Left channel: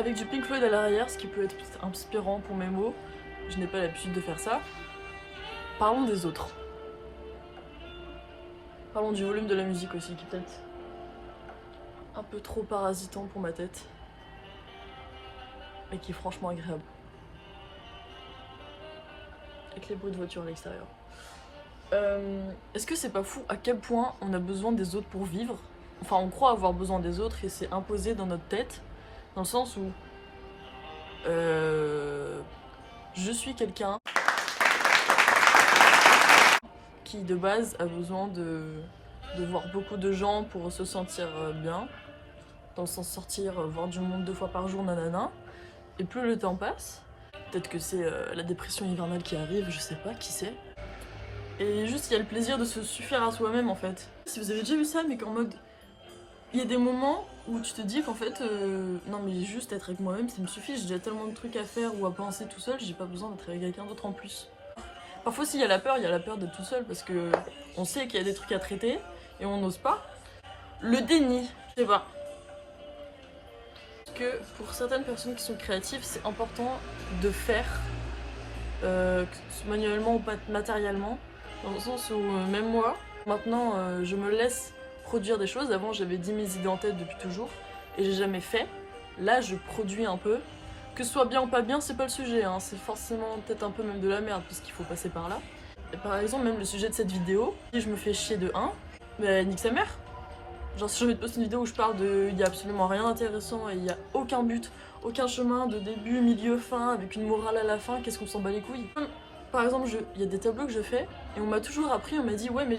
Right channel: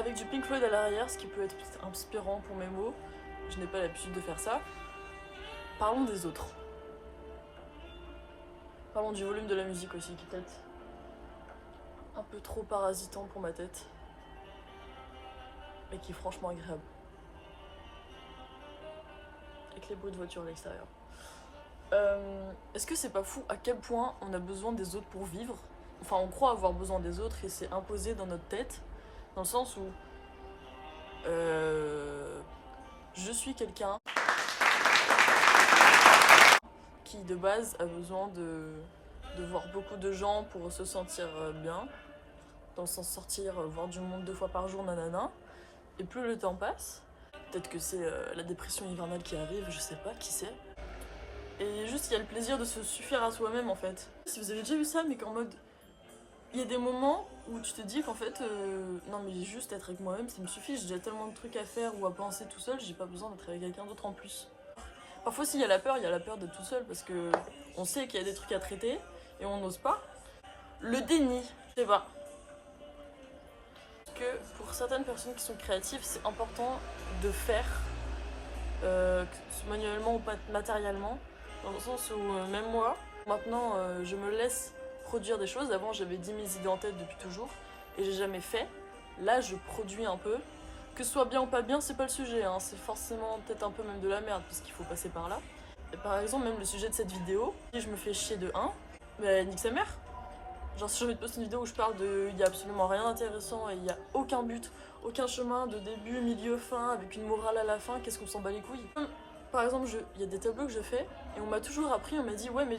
avec du Pink Floyd à l'arrière, ce qui peut être inspirant pour mes mots. Je n'ai pas l'habitude de faire ça. Parlons des autres. Parlons du volume de la musique aussi, qui est peut-être un peu trop parasitant pour ma tête. Mais qui est franchement agréable. Avec les bruits de voiture à l'extérieur. Est-ce que c'est pas fou à quel point on a besoin des autres pour vivre? Enfin, on croit avoir besoin des autres et c'est imposé dans notre tête. Dans le sens où je suis quelqu'un qui de base a besoin de voir beaucoup de gens pour se sentir bien, dans le sens sortir, voir du monde 2 fois par jour, nanana. Et plus le temps passe, peut-être que c'est la dépression hivernale qui arrive, je sais pas, qui sait. Et juste il y a le plaisir de se suffire à soi-même en fait. Si vous avez déjà vu ça, mais qu'en mode il y a des moments où tu te dis qu'en fait, non mais juste être avec moi-même ça me suffit, j'ai déjà tellement de trucs à faire ou à penser tout seul, j'ai pas besoin d'être avec quelqu'un d'autre en plus. Parfois s'il y a la peur d'être tout seul parce que on sait qu'il y a des trucs à traiter et on n'ose pas. Le déni, je sais pas. Parce que pour certaines personnes qui sont créatives, c'est important de faire, manuellement ou pas matériellement, dans le sens où même moi, maintenant je me laisse produire des choses. Avant j'avais 10 000 idées en tête depuis toujours et j'ai jamais fait. Là je produis un peu. Que ce soit bien ou pas bien, c'est pas le sujet, hein. C'est forcément peut-être un peu même de la merde puisqu'il faut passer par là. Et par exemple même le sujet de cette vidéo, si je me fais chier de 1, mais nique sa mère. Genre si j'ai envie de poster une vidéo où je parle de il y a absolument rien d'intéressant et il y a aucun but, aucun chemin de début, milieu, fin, avec une morale à la fin, qu'est-ce qu'on s'en bat les couilles. Par exemple, il y a des tableaux que je fais et on m'a toujours appris, on m'a dit ouais mais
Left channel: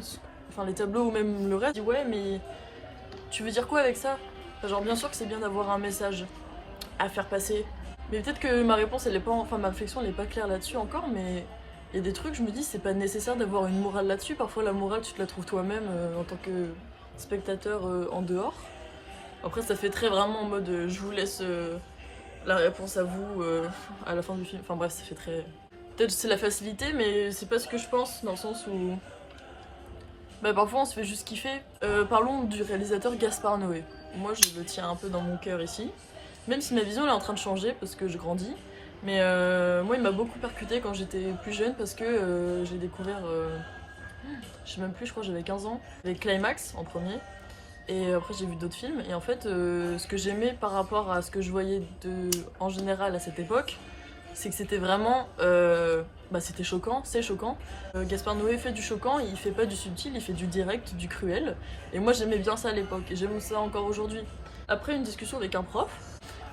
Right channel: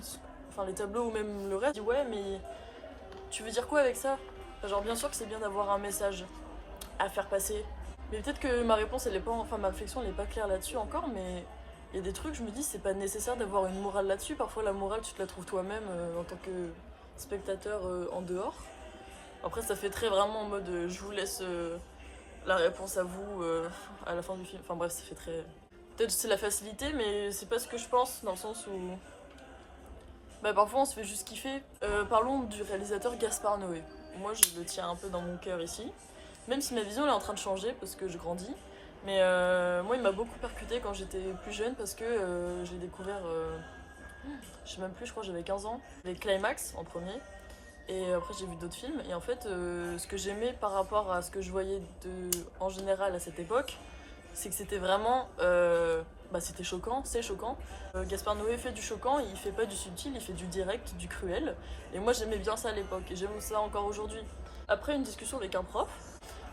enfin les tableaux ou même le reste, dit ouais mais tu veux dire quoi avec ça? Enfin, genre bien sûr que c'est bien d'avoir un message à faire passer, mais peut-être que ma réponse elle est pas, enfin ma réflexion elle est pas claire là-dessus encore, mais il y a des trucs je me dis c'est pas nécessaire d'avoir une morale là-dessus. Parfois la morale tu te la trouves toi-même en tant que spectateur en dehors. Après ça fait très vraiment en mode je vous laisse la réponse à vous à la fin du film. Enfin bref ça fait très... Peut-être c'est la facilité mais c'est pas ce que je pense dans le sens où... Bah parfois on se fait juste kiffer. Parlons du réalisateur Gaspard Noé. Moi je le tiens un peu dans mon cœur ici. Même si ma vision elle est en train de changer parce que je grandis. Mais moi il m'a beaucoup percuté quand j'étais plus jeune parce que j'ai découvert... je sais même plus, je crois que j'avais 15 ans. Avec Climax en premier. Et après j'ai vu d'autres films. Et en fait ce que j'aimais par rapport à ce que je voyais en général à cette époque, c'est que c'était vraiment... bah c'était choquant, c'est choquant. Gaspard Noé fait du choquant, il fait pas du subtil, il fait du direct, du cruel. Et moi j'aimais bien ça à l'époque et j'aime ça encore aujourd'hui. Après une discussion avec un prof,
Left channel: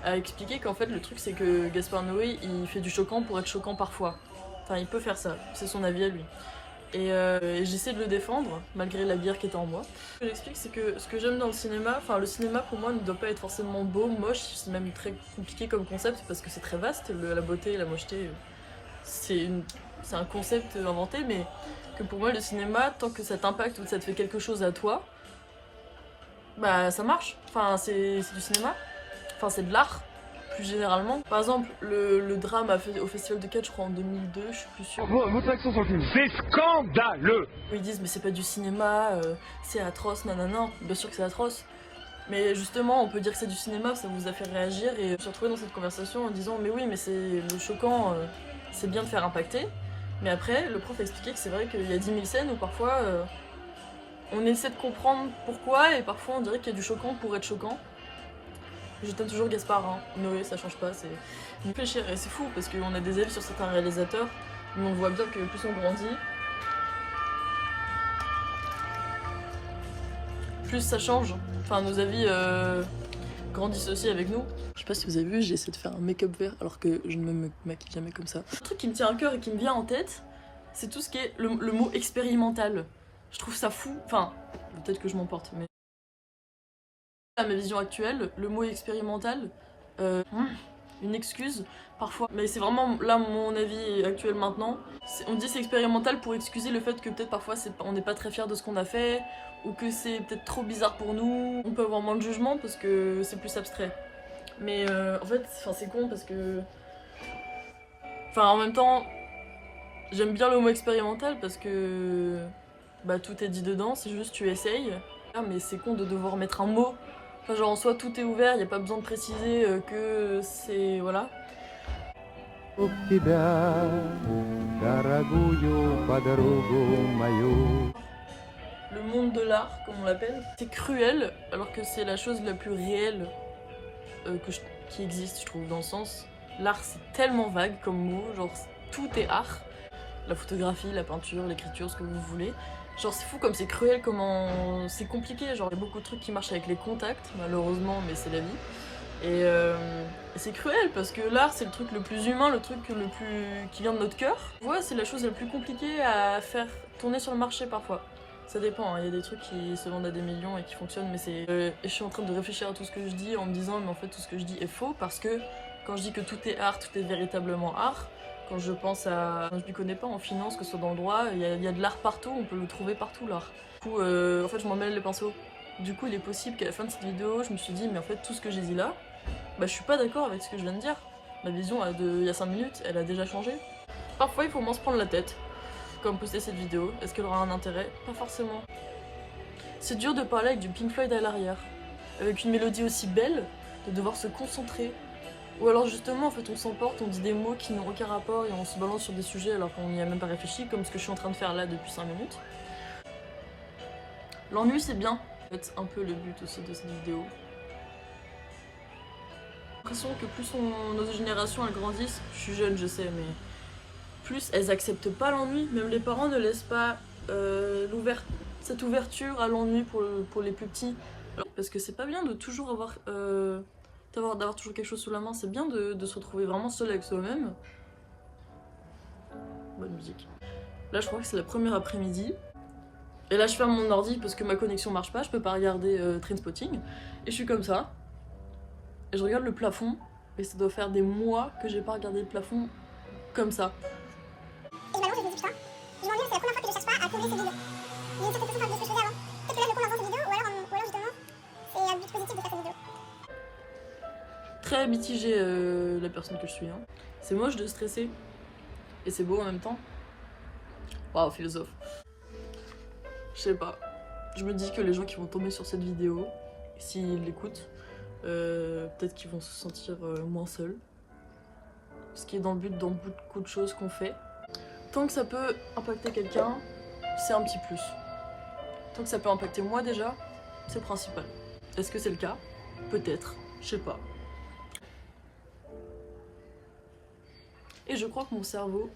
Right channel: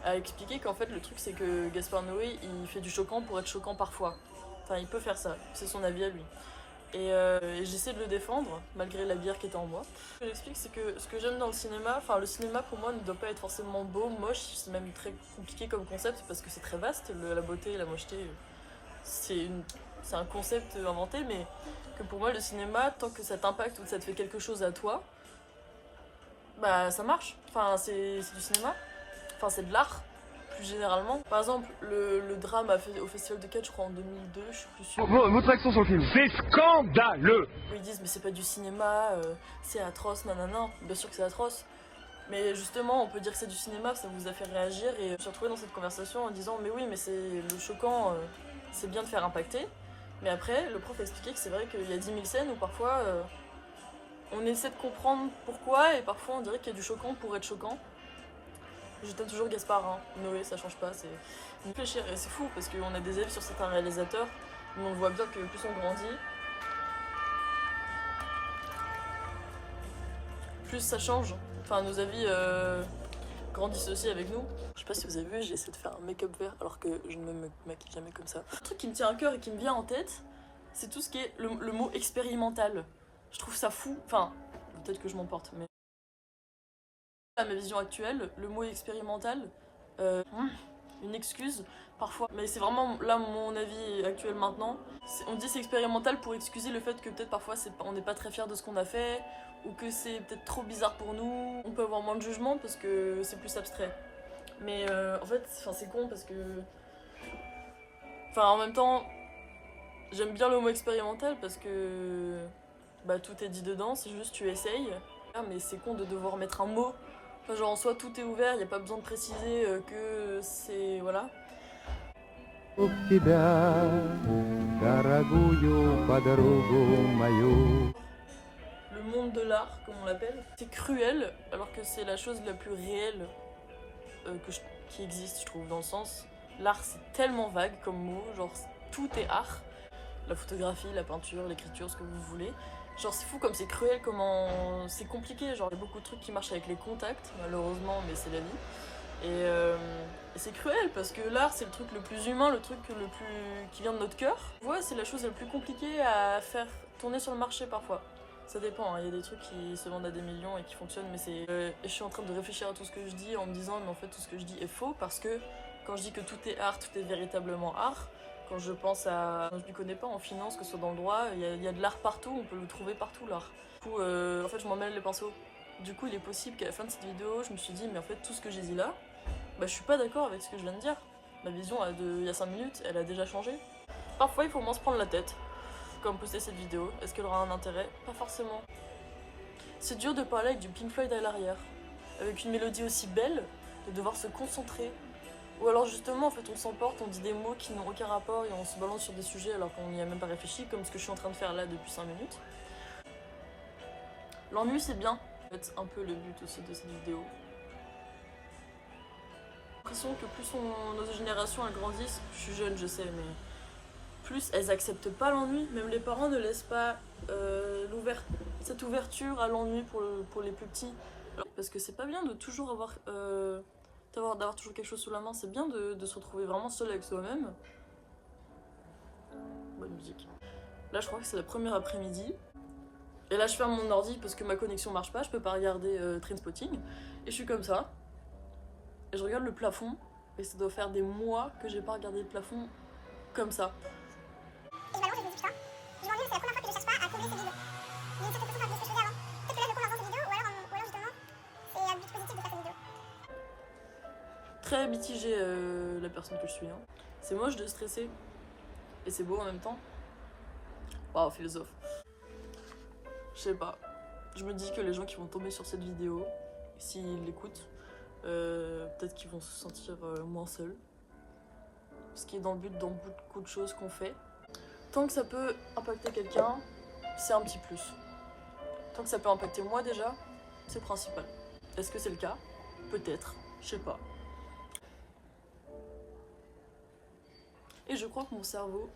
a expliqué qu'en fait le truc c'est que Gaspard Noé il fait du choquant pour être choquant parfois. Enfin il peut faire ça, c'est son avis à lui. Et j'essaie de le défendre, malgré la bière qui était en moi. Ce que j'explique, c'est que ce que j'aime dans le cinéma, enfin le cinéma pour moi ne doit pas être forcément beau, moche, c'est même très compliqué comme concept parce que c'est très vaste, la beauté et la mocheté, c'est un concept inventé, mais que pour moi le cinéma, tant que ça t'impacte ou que ça te fait quelque chose à toi, bah ça marche, enfin c'est du cinéma, enfin c'est de l'art. Plus généralement. Par exemple, le drame au Festival de Cannes, je crois en 2002, je suis plus sûre. Votre action sur le film. C'est scandaleux! Ils disent mais c'est pas du cinéma, c'est atroce, nanana. Bien sûr que c'est atroce. Mais justement, on peut dire que c'est du cinéma, ça vous a fait réagir. Et je me suis retrouvée dans cette conversation en disant mais oui, mais c'est le choquant, c'est bien de faire impacter. Mais après, le prof a expliqué que c'est vrai qu'il y a 10 000 scènes où parfois on essaie de comprendre pourquoi et parfois on dirait qu'il y a du choquant pour être choquant. Je t'aime toujours Gaspard, hein. Noé, ça change pas, c'est réfléchir. Et c'est fou parce qu'on a des avis sur certains réalisateurs, mais on voit bien que plus on grandit, plus ça change. Enfin, nos avis grandissent aussi avec nous. Je sais pas si vous avez vu, j'ai essayé de faire un make-up vert alors que je ne me maquille jamais comme ça. Un truc qui me tient à cœur et qui me vient en tête, c'est tout ce qui est le mot expérimental. Je trouve ça fou, enfin, peut-être que je m'emporte, mais... À ma vision actuelle, le mot expérimental, une excuse parfois, mais c'est vraiment là mon avis actuel maintenant. On dit c'est expérimental pour excuser le fait que peut-être parfois on n'est pas très fier de ce qu'on a fait ou que c'est peut-être trop bizarre pour nous. On peut avoir moins de jugement parce que c'est plus abstrait. Mais en fait, c'est con parce que... Enfin en même temps, j'aime bien le mot expérimental parce que bah, tout est dit dedans, c'est juste tu essayes. Ah, mais c'est con de devoir mettre un mot Enfin, genre en soi tout est ouvert, il n'y a pas besoin de préciser que c'est... voilà. В тебя, дорогую подругу мою. Le monde de l'art, comme on l'appelle, c'est cruel, alors que c'est la chose la plus réelle qui existe, je trouve, dans le sens... L'art, c'est tellement vague comme mot, genre tout est art. La photographie, la peinture, l'écriture, ce que vous voulez. Genre c'est fou comme c'est cruel, comment c'est compliqué, genre il y a beaucoup de trucs qui marchent avec les contacts, malheureusement, mais c'est la vie. Et c'est cruel parce que l'art c'est le truc le plus humain, le truc le plus qui vient de notre cœur. Ouais, c'est la chose la plus compliquée à faire tourner sur le marché parfois. Ça dépend, hein. Il y a des trucs qui se vendent à des millions et qui fonctionnent, mais c'est... je suis en train de réfléchir à tout ce que je dis en me disant mais en fait tout ce que je dis est faux parce que quand je dis que tout est art, tout est véritablement art. Quand je pense à... Je ne connais pas en finance, que ce soit dans le droit, il y a de l'art partout, on peut le trouver partout l'art. Du coup, en fait je m'en mêle les pinceaux. Du coup il est possible qu'à la fin de cette vidéo, je me suis dit mais en fait tout ce que j'ai dit là, bah je suis pas d'accord avec ce que je viens de dire. Ma vision il y a 5 minutes, elle a déjà changé. Parfois il faut moins se prendre la tête, comme poster cette vidéo. Est-ce qu'elle aura un intérêt? Pas forcément. C'est dur de parler avec du Pink Floyd à l'arrière, avec une mélodie aussi belle, de devoir se concentrer. Ou alors justement en fait on s'emporte, on dit des mots qui n'ont aucun rapport et on se balance sur des sujets alors qu'on n'y a même pas réfléchi, comme ce que je suis en train de faire là depuis 5 minutes. L'ennui c'est bien, en fait un peu le but aussi de cette vidéo. J'ai l'impression que plus nos générations elles grandissent, je suis jeune je sais, mais plus elles acceptent pas l'ennui, même les parents ne laissent pas cette ouverture à l'ennui pour les plus petits. Alors, parce que c'est pas bien de toujours avoir... d'avoir toujours quelque chose sous la main, c'est bien de se retrouver vraiment seul avec soi-même. Bonne musique. Là je crois que c'est la première après-midi. Et là je ferme mon ordi parce que ma connexion marche pas, je peux pas regarder Trainspotting. Et je suis comme ça. Et je regarde le plafond. Et ça doit faire des mois que j'ai pas regardé le plafond comme ça. Et je m'allonge et je me dis putain, je m'ennuie, c'est la première fois que je cherche pas à combler cette vidéo. Il y a une certaine façon de ce que je faisais avant. Peut-être que là je comble avant cette vidéo, ou alors justement, c'est un but positif de faire cette vidéo. Très mitigée la personne que je suis. Hein. C'est moche de stresser. Et c'est beau en même temps. Waouh, philosophe. Je sais pas. Je me dis que les gens qui vont tomber sur cette vidéo, s'ils l'écoutent, peut-être qu'ils vont se sentir moins seuls. Ce qui est dans le but dans beaucoup de choses qu'on fait. Tant que ça peut impacter quelqu'un, c'est un petit plus. Tant que ça peut impacter moi déjà, c'est le principal. Est-ce que c'est le cas? Peut-être. Je sais pas. Et je crois que mon cerveau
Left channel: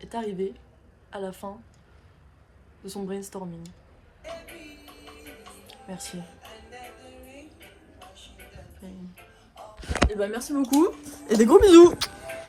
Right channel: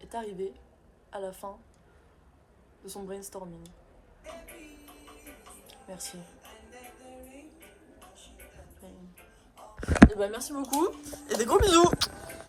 est arrivé à la fin de son brainstorming. Merci. Et bah merci beaucoup et des gros bisous.